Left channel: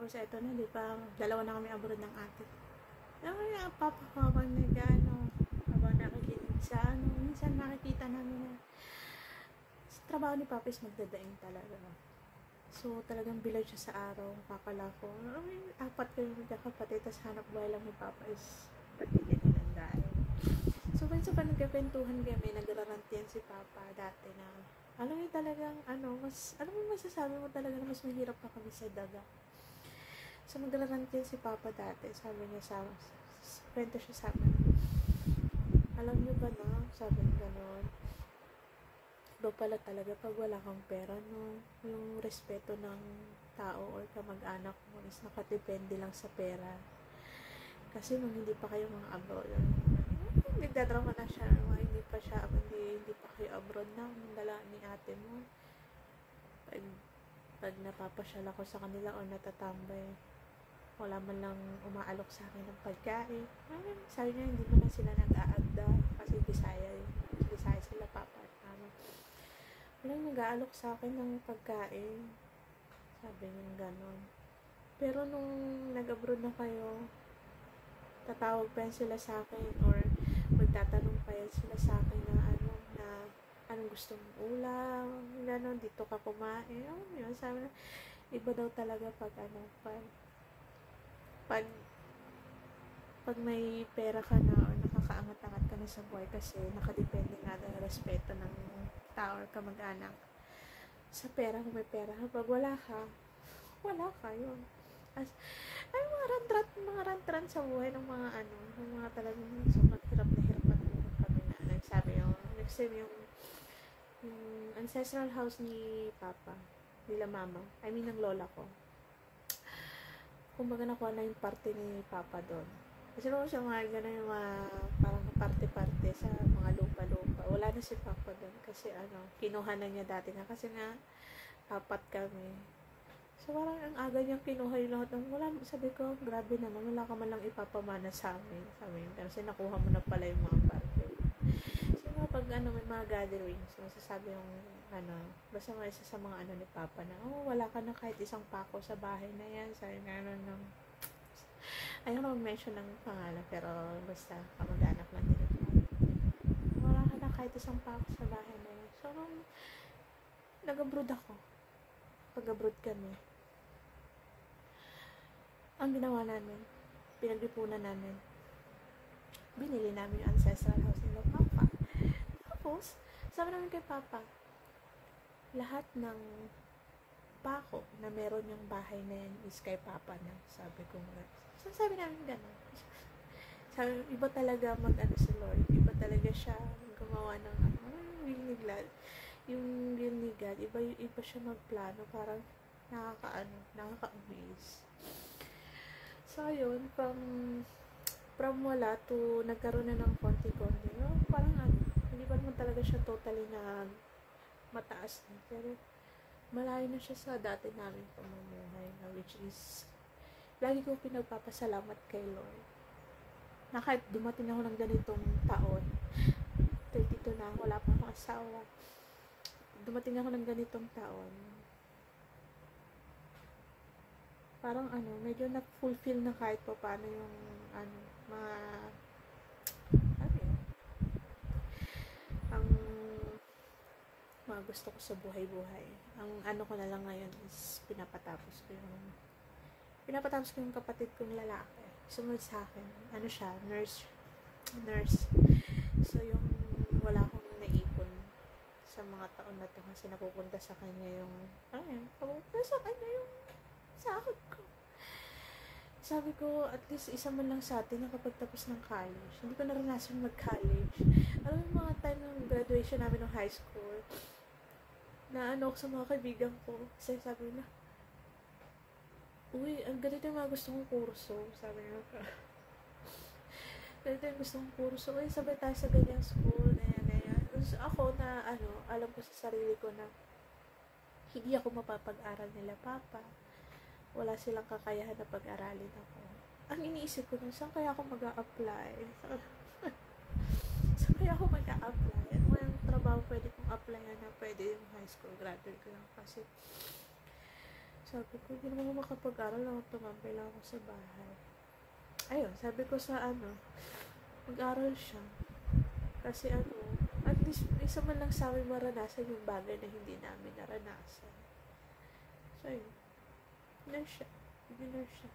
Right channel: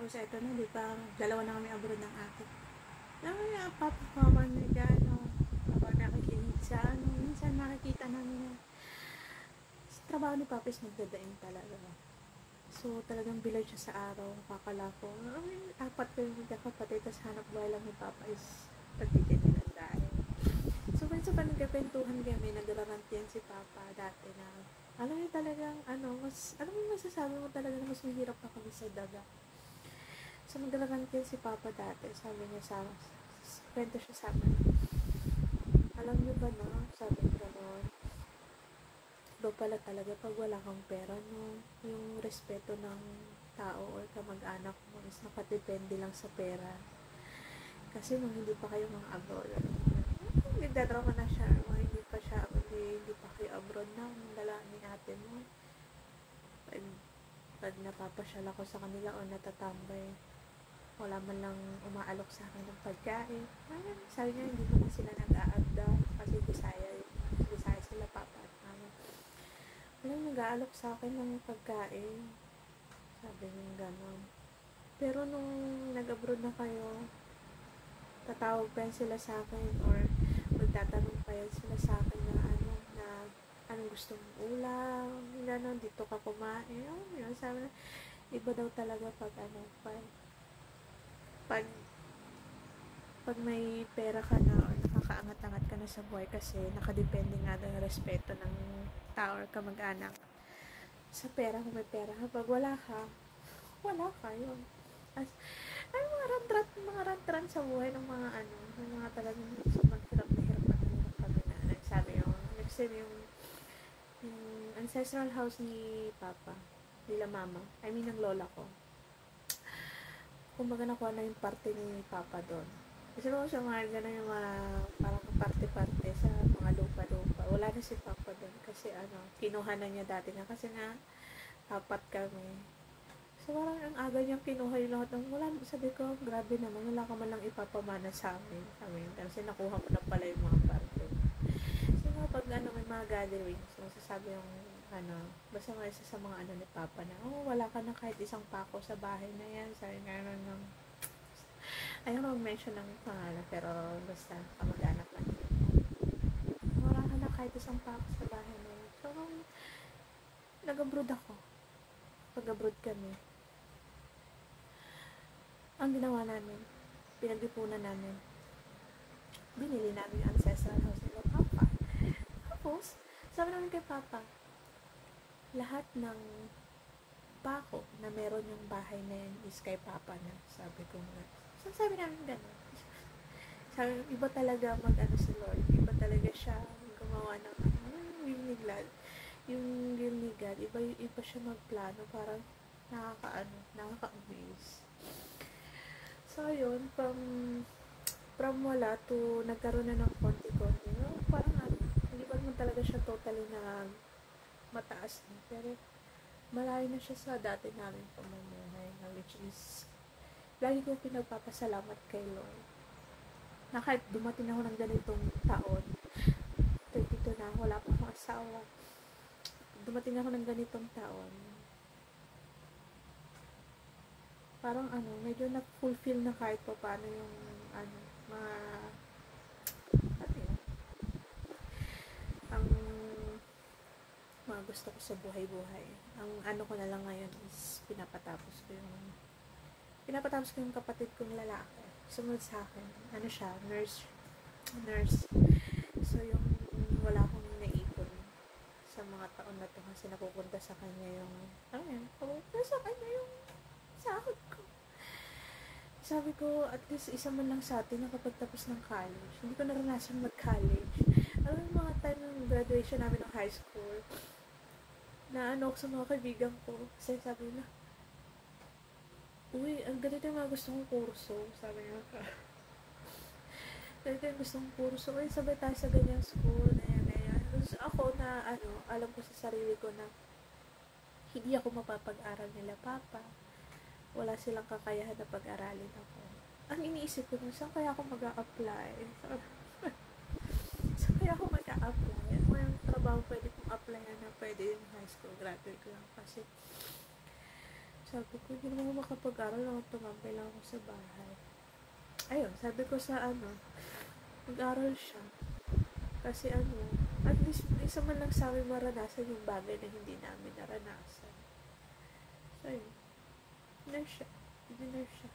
Tapos ito na, di ba, dalawa na kami abroad ng ate. Alam mo yung papakawan niya dyan, habang nakikinig sa minsan nakikita namin na sa trabaho ni Papa is magdadaing talaga. So, talagang bilad siya sa araw, kakalako. Apat kayo magkakapatid, tapos hanap buhay lang ni Papa is pagtitin ng daing. So, minsan pa nagkapentuhan kami, nagrarantiyan si Papa dati na, alam mo talagang, alam mo masasabi mo talaga na mas mahirap na kami sa daga. So, nagrarantiyan si Papa dati, sabi niya sa kwento siya sa amin. Alam niyo ba na, sabi niya gano'n, iba pala talaga pag wala kang pera, no? Yung respeto ng tao or kamag-anak mo is nakadepende lang sa pera. Kasi nung hindi pa kayo mga abroad, nagdadrama na siya, hindi pa kayo abroad na, nung dala ni ate mo. Pag napapasyal ako sa kanila o natatambay, wala man lang umaalok sa akin ng pagkain. Sabi niya, hindi naman sila nag-aagda kasi Bisaya sila papa at mama. Nag-aalok sa akin ng pagkain. Sabi niya gano'n. Pero nung nag-abroad na kayo, tatawag pa yan sila sa akin or magtatanong pa yan sila sa akin na anong gusto mong ulam, gano'n, dito ka kumain. Sabi niya, iba daw talaga pag may pera ka na o nakakaangat-angat ka na sa buhay kasi nakadepende nga ng respeto ng tao or kamag-anak sa pera kung may pera ka. Pag wala ka yun. Ay, mga rantran sa buhay ng mga talagang sa maghirap na talaga kami na nagsabi yung ancestral house ni Papa, nila Mama, ng lola ko. Kumbaga nakuha na yung parte ni Papa doon. Kasi nung siya mga gano'n yung parang parte-parte sa mga lupa-lupa. Wala na si Papa doon kasi kinuha na niya dati nga kasi nga apat kami. So parang ang aga niyang kinuha yung lahat ng sabi ko, grabe naman, wala ka man lang ipapamana sa amin. Sabi niya, kasi nakuha mo na pala yung mga parte. So nga pag may mga gatherings, masasabi yung basta mga isa sa mga ni Papa na, wala ka na kahit isang pako sa bahay na yan. Sabi nga ayaw na mag-mention ng pangalan, pero basta kamag-anak lang din. Wala ka na kahit isang pako sa bahay na yan. So, nag-abroad ako. Pag-abroad kami. Ang ginawa namin, pinag-ipunan namin, binili namin ang ancestral house nila Papa. Tapos, sabi namin kay Papa, lahat ng pako na meron yung bahay na yan is kay Papa na. Sabi ko nga. So, sabi namin gano'n. Sabi, iba talaga si Lord. Iba talaga siya gumawa ng yung will ni God. Iba siya magplano para nakaka-amaze. So, yun, from wala to nagkaroon na ng konti-konti. Parang hindi pa naman talaga siya totally na mataas na. Pero, malayo na siya sa dati namin pamumuhay na which is, lagi ko pinagpapasalamat kay Lord. Na kahit dumating ako ng ganitong taon, 32 na, wala pa akong asawa. Dumating ako ng ganitong taon, parang medyo na-fulfill na kahit pa paano yung ang mga gusto ko sa buhay-buhay. Ang ko na lang ngayon is pinapatapos ko yung kapatid kong lalaki. Sumunod sa akin. Siya, nurse. So, yung wala akong naipon sa mga taon na to kasi napupunta sa kanya yung sahod ko. Sabi ko, at least isa man lang sa atin nakapagtapos ng college. Hindi ko naranasan mag-college. Alam mo, mga time ng graduation namin ng high school, na ako sa mga kaibigan ko. Kasi sabi na, uy, ang ganito yung mga gusto kong kurso. Sabi niya ka. Ganito yung gusto kong kurso. Uy, sabay tayo sa ganyang school. So, ako na, alam ko sa sarili ko na hindi ako mapapag-aral nila Papa. Wala silang kakayahan na pag-aralin ako. Ang iniisip ko na, saan kaya ako mag-a-apply? Saan kaya ako mag-a-apply? Ano yung trabaho pwede kong applyan na pwede yung high school graduate lang. Kasi, Sabi ko, hindi naman ako makapag-aral ako, tumambay lang ako sa bahay. Ayun, sabi ko sa mag-aral siya. Kasi at least, isa man lang sa amin maranasan yung bagay na hindi namin naranasan. So, ayun. Ignore siya.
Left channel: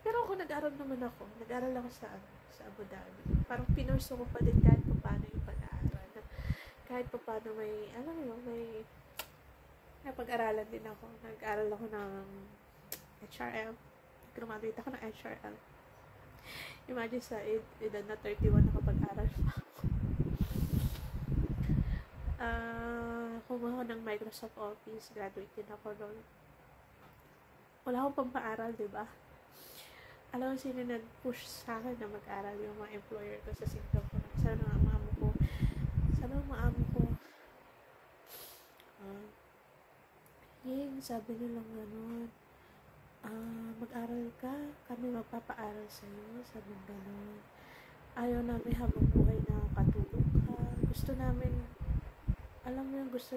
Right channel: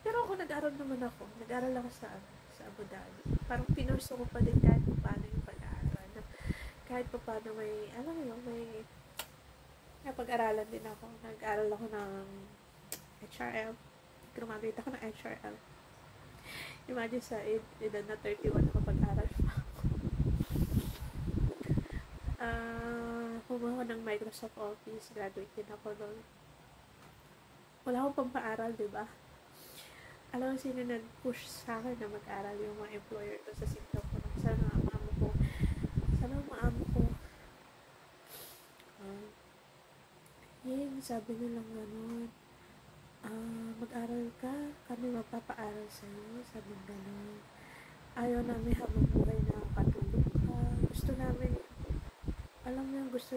Pero ako, nag-aral naman ako. Nag-aral ako sa Abu Dhabi. Parang pinurso ko pa din kahit pa paano yung pag-aaral. Kahit pa paano may, alam mo yung may napag-aralan din ako. Nag-aral ako ng HRL. Graduate ako ng HRL. Imagine sa edad na 31 nakapag-aral pa ako. Kumuha ko ng Microsoft Office. Graduate din ako doon. Wala akong pampaaral, diba? Alam mo sino nag-push sa akin na mag-aral, yung mga employer ko sa Singapore. Sana ang amo ko. Sabi nilang gano'n. Mag-aral ka, kami magpapaaral sa'yo. Sabi gano'n. Ayaw namin habang buhay na katulog ka. Gusto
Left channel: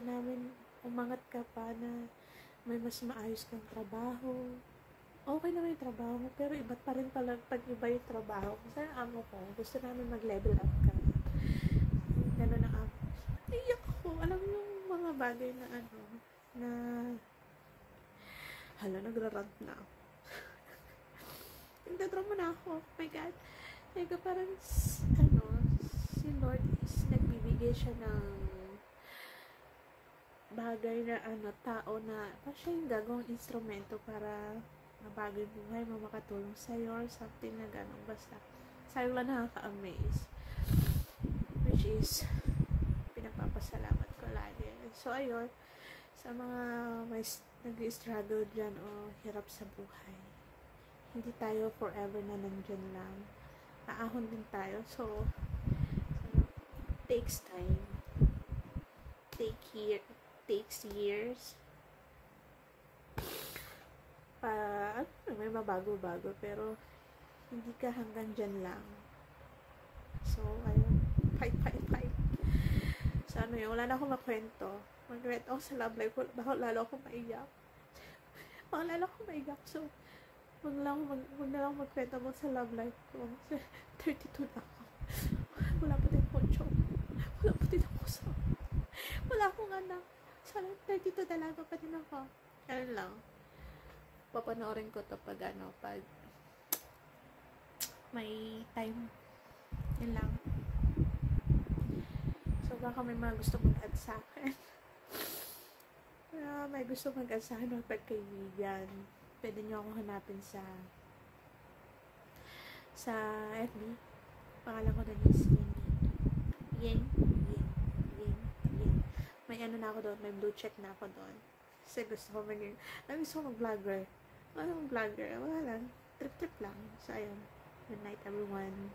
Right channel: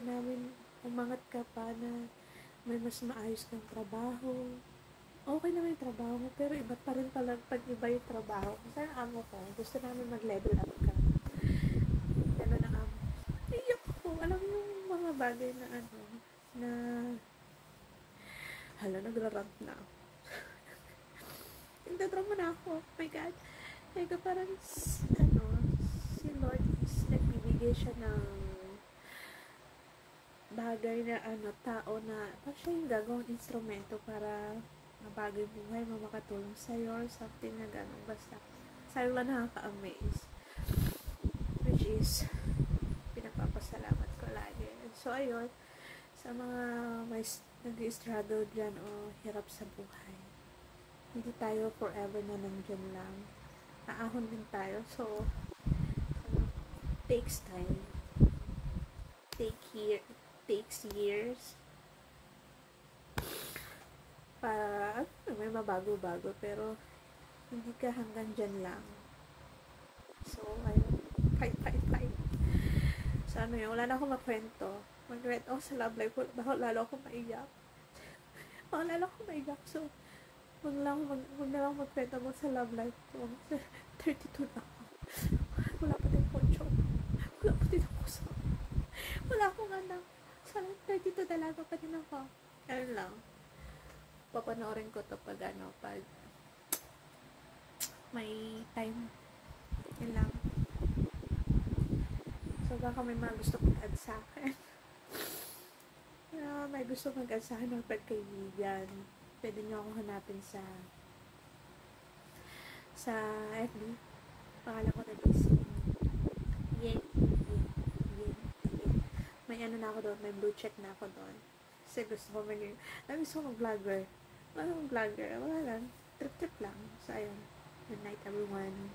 namin umangat ka pa na may mas maayos kang trabaho. Okay naman yung trabaho mo, pero iba't pa rin pala pag iba yung trabaho. Kasi ang amo ko, gusto namin mag-level up ka. Gano'n ang amo. Iyak ko. Alam mo yung mga bagay na na hala, nagrarant na ako. Nagdadrama na ako. Oh my God. Like, parang, si Lord is nagbibigay siya ng bagay na, tao na, siya yung gagawang instrumento para mabagay buhay mo, makatulong sa'yo, or something na gano'n. Basta, sabi ba nakaka-amaze. Which is, pinagpapasalamat ko lagi. So, ayun, sa mga may nag-struggle dyan o hirap sa buhay, hindi tayo forever na nandyan lang. Aahon din tayo. So, takes time. Takes years. Para, may mabago-bago. Pero, hindi ka hanggang dyan lang. So, ayun. Fight. So, yun, wala na akong makwento. Mag-read ako sa love life. Bakit lalo akong maiyak. So, huwag na lang magkwento mo sa love life ko. 32 na ako. Wala pa din akong job. Wala pa din ako sa... Wala akong anak. Sana 32 dalaga pa din ako. Ano lang. Papanoorin ko to pag may time. Yan lang. So, baka may mga gusto mag-add sa akin. May gusto mag-add sa akin ng pagkaibigan. Pwede nyo ako hanapin sa FB. Pangalan ko doon is Yen. May na ako doon. May blue check na ako doon. Kasi gusto ko mag-vlogger. Wala lang. Trip lang. So, ayun. Good night, everyone.